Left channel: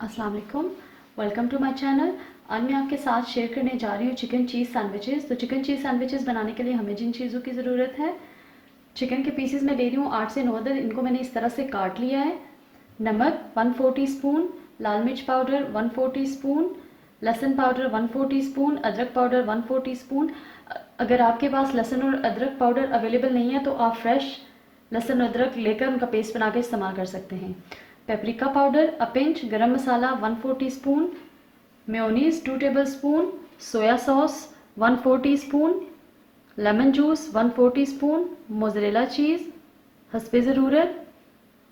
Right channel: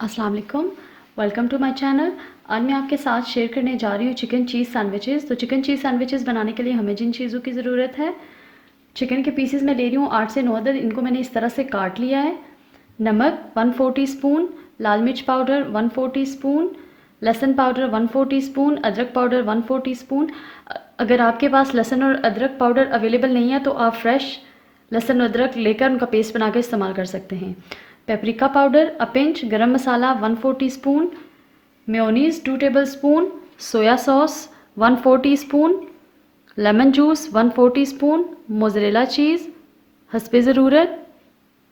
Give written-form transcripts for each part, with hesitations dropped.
अस्सलाम वालेकुम, welcome to my channel. आज मैं आपके साथ शेयर करने जा रही हूँ चिकन चीज़ सैंडविचेस। तो चिकन चीज़ सैंडविचेस बनाने के लिए हमें जिन चीज़ों की ज़रूरत है, चिकन के पीसेस मैं ले रही हूँ 8 से 9 अदद। इनको मैंने इस तरह से काट लिया है। नमक 1/4 टीस्पून, लाल मिर्च पाउडर 1/4 टीस्पून, लहसुन पाउडर 1/4 टीस्पून, अदरक पाउडर 1/4 टीस्पून। अगर आपके पास लहसुन और अदरक पाउडर अवेलेबल नहीं है तो आप फ्रेश लहसुन अदरक लेकर उनका पेस्ट बनाकर इस्तेमाल कर सकते हैं। Paprika powder a pinch, garam masala 1/4 teaspoon, mayonnaise 2 tablespoon, soya sauce 1/4 teaspoon, lemon juice 1/4 teaspoon, mozzarella cheese हस्बे ज़रूरत,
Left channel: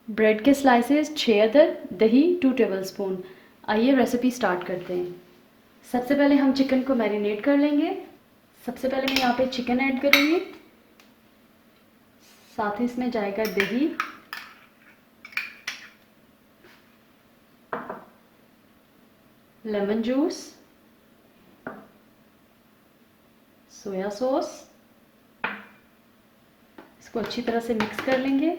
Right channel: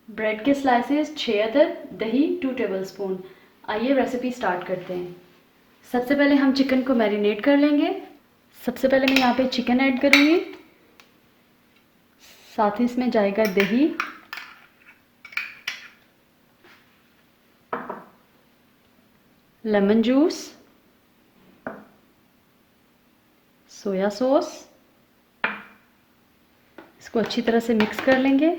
ब्रेड के स्लाइसेस 6 अदद, दही 2 टेबलस्पून। आइए रेसिपी स्टार्ट करते हैं। सबसे पहले हम चिकन को मैरिनेट कर लेंगे। सबसे पहले मैं यहाँ पे चिकन ऐड करूँगी, साथ ही इसमें जाएगा दही, लेमन जूस, सोया सॉस। इसको अच्छी तरह से मिक्स कर लेंगे।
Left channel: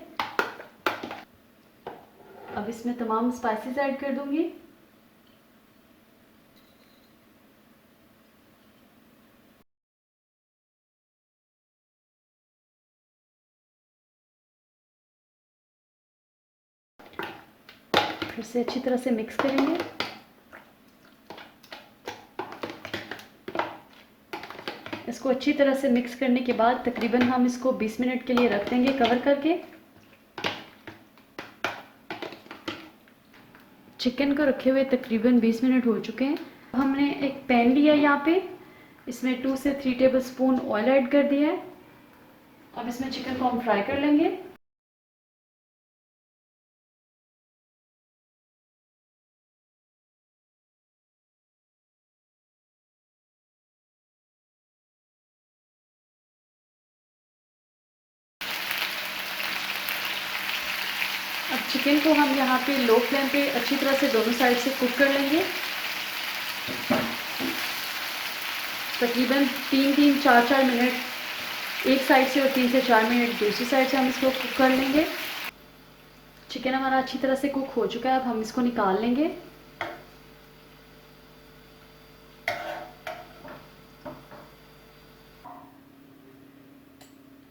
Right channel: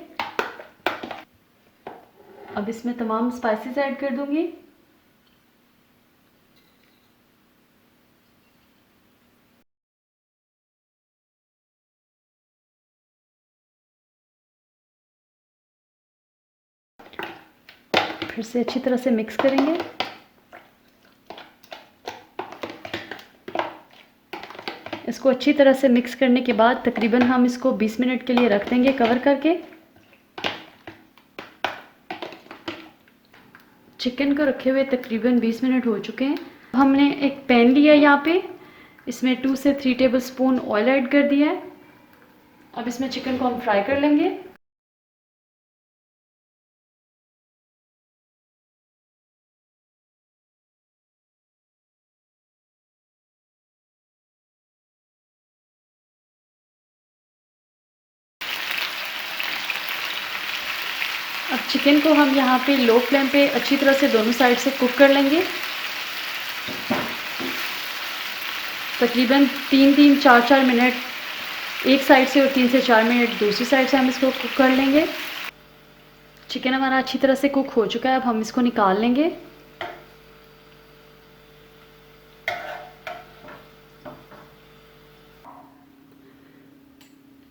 अब इसमें तमाम स्पाइसेस ऐड कर दूंगी। फिर से अच्छी तरह से मिक्स करेंगे। इसको अच्छी तरह से मिक्स करने के बाद तकरीबन हम इसको 20 मिनट के लिए रख देंगे कवर करके। चिकन को रखे हुए तकरीबन 20 मिनट हो चुके हैं। हमने एक पैन लिया यहाँ पे, इसमें 2 से 3 टेबलस्पून ऑयल ऐड कर दिया है। अब इसमें चिकन को हम फ्राई कर लेंगे। अब चिकन को हम यहाँ पे लो फ्लेम पे अच्छी तरह से दोनों साइड से कुक कर लेंगे। तकरीबन 3-4 मिनट एक साइड से और 3 से 4 मिनट दूसरी साइड से हम इसको कुक कर लेंगे। चिकन हमारा अच्छी तरह से कुक हो चुका है। अब हम इसको निकाल लेंगे।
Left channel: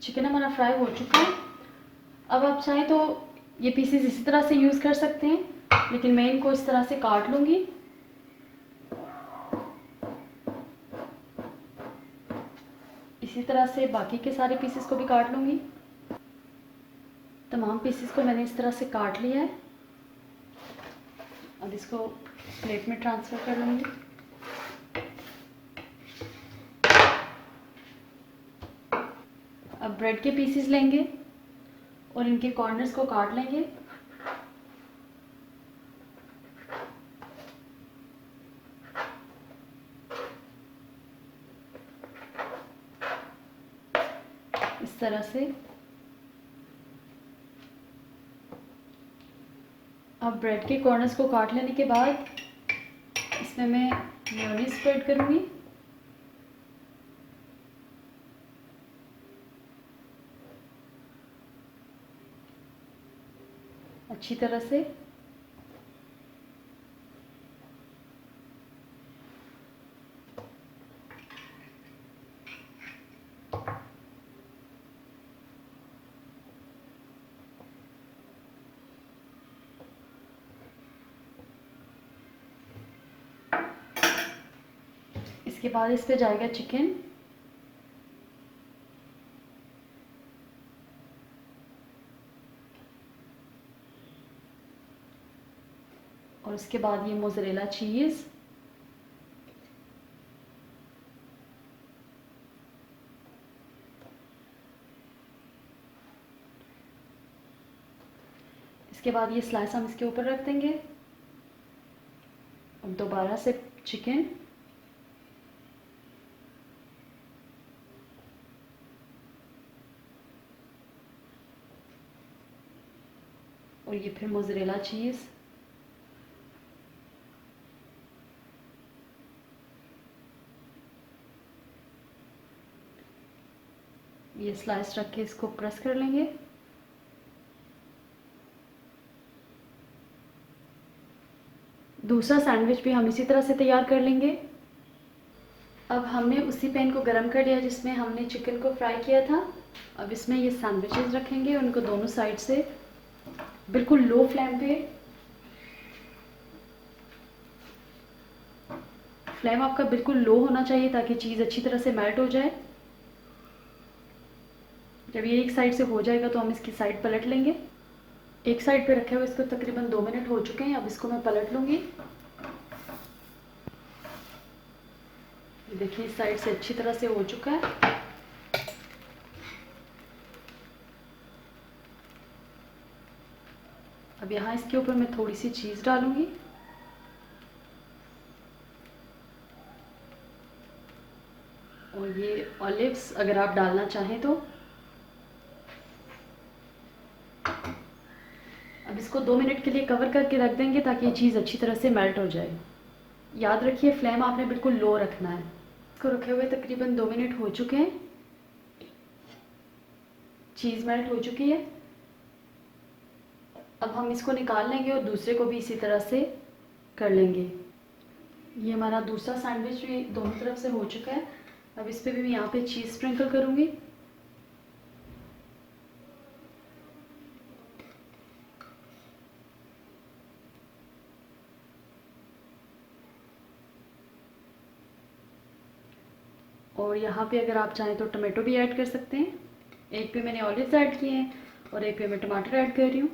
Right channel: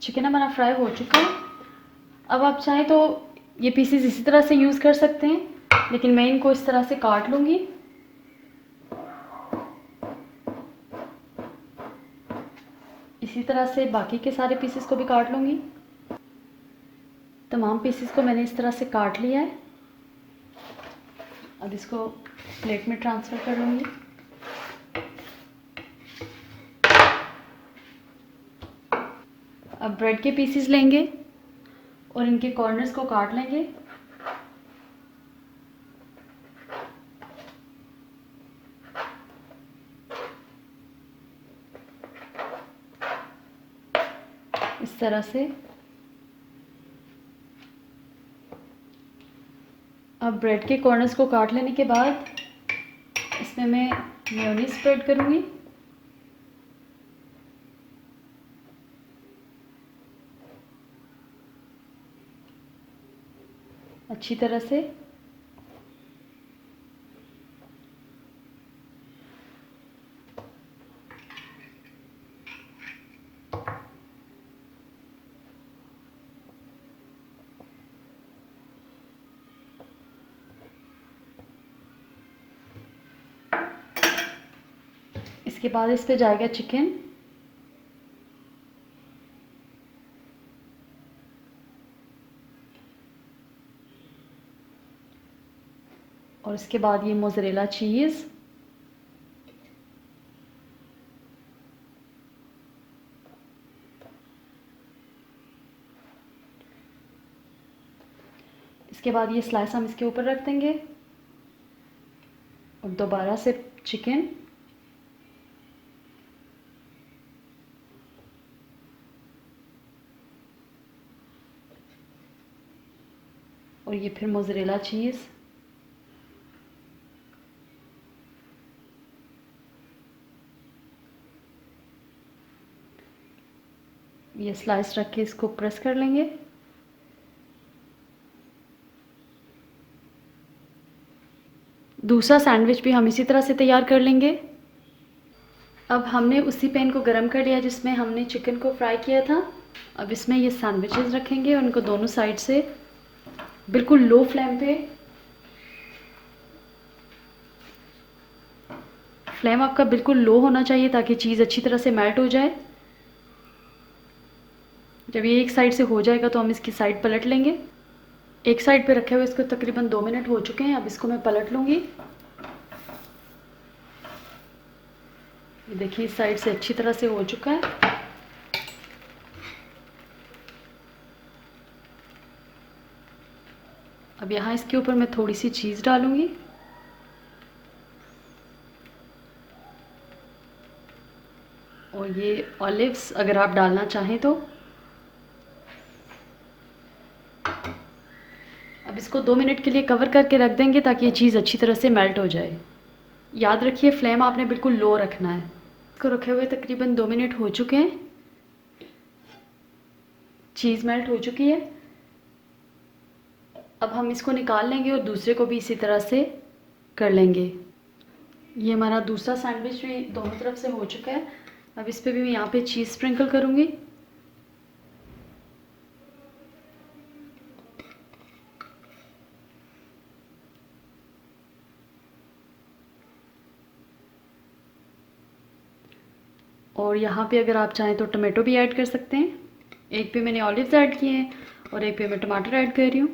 चिकन हमारा फ्राई हो चुका है। अब आप चाहें तो ये पीसेस इसी तरह से यूज़ कर सकते हैं, लेकिन मैं इनको इस तरह से काट लूँगी। इसी तरह से बाकी के सारे पीसेस को भी काट लूँगी। तमाम पीसेस को मैंने इस तरह से काट लिया है। अब इसको प्लेट में ट्रांसफ़र कर लूँगी। अब ब्रेड के पीसेस लेंगे और इनके कॉर्नर्स को काट लेंगे। इस तरह से। अब ब्रेड के कॉर्नर्स को काट लेने के बाद इसमें मैं मेयोनीज स्प्रेड करूँगी। अच्छी तरह से। इसके बाद इस पे जाएगा चिकन। और इसके बाद ये मोज़रेला चीज़। इसके बाद ये स्लाइस हम इसके ऊपर रख देंगे और दोबारा से चिकन। और ये फिर मोज़रेला चीज़। ये स्लाइस रख के इसको प्रेस कर लेंगे। दूसरा सैंडविच भी हम इसी तरह से तैयार कर लेंगे। अब हमने उसी पैन को गरम कर लिया जिसमें हमने चिकन को फ्राई किया था। अब इसमें ये सैंडविचेस रखेंगे, उनको दोनों साइड से बिल्कुल लो फ्लेम पे। फ्लेम आपका बिल्कुल लो होना चाहिए ताकि चीज़ अच्छी तरह से मेल्ट हो जाए। जब ये एक साइड से हो जाएगा तो हम इसकी साइड पलट लेंगे। एक साइड पे रखे हुए इसको तकरीबन 2 मिनट हो चुके हैं। अब इसको मैं पलट लूँगी। ये देखिए इस साइड से अच्छी तरह से हो चुका है। अब यहाँ इसके ऊपर मैं थोड़ी सी चीज़ डालूँगी। और ये ऑलिव्स अगर आप डालना चाहें तो। अब इसको 2 मिनट के लिए कवर करके रख देंगे ताकि ये चीज़ अच्छी तरह से मेल्ट हो जाए। याद रखिए फ्लेम आपने बिल्कुल लो रखना है। इसको रखे हुए तकरीबन 2 मिनट हो चुके हैं। चीज़ मेल्ट हो चुकी है। अब हम इसको निकाल लेंगे और दूसरे को भी इसी तरह से कर लेंगे। ये हमारा दूसरा सैंडविच भी दोनों तरफ से हो चुका है। अब इस पर भी मैं यहाँ पे चीज़ स्प्रिंकल करूँगी। और यहाँ पे अगर आप चाहें तो टमाटो भी ऐड कर सकते हैं। एक पे मैंने ऑलिव्स ऐड किए हैं और एक पे मैं टमाटर ऐड कर रही हूँ।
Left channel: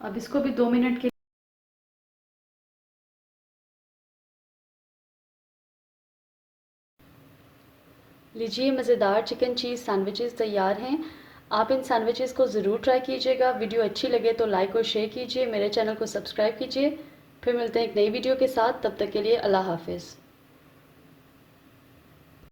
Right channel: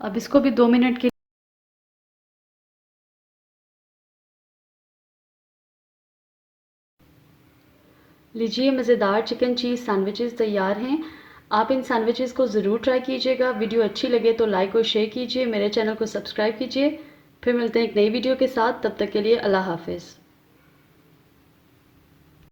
अब इसको भी 2 मिनट के लीजिए मज़ेदार चिकन चीज़ सैंडविचेस तैयार हैं। आप इन सैंडविचेस को ज़रूर ट्राई कीजिएगा। वीडियो अच्छी लगे तो लाइक और शेयर कीजिए। मेरे चैनल को सब्सक्राइब कीजिए। फिर मिलते हैं एक नई वीडियो के साथ। तब तक के लिए अल्लाह हाफ़िज़।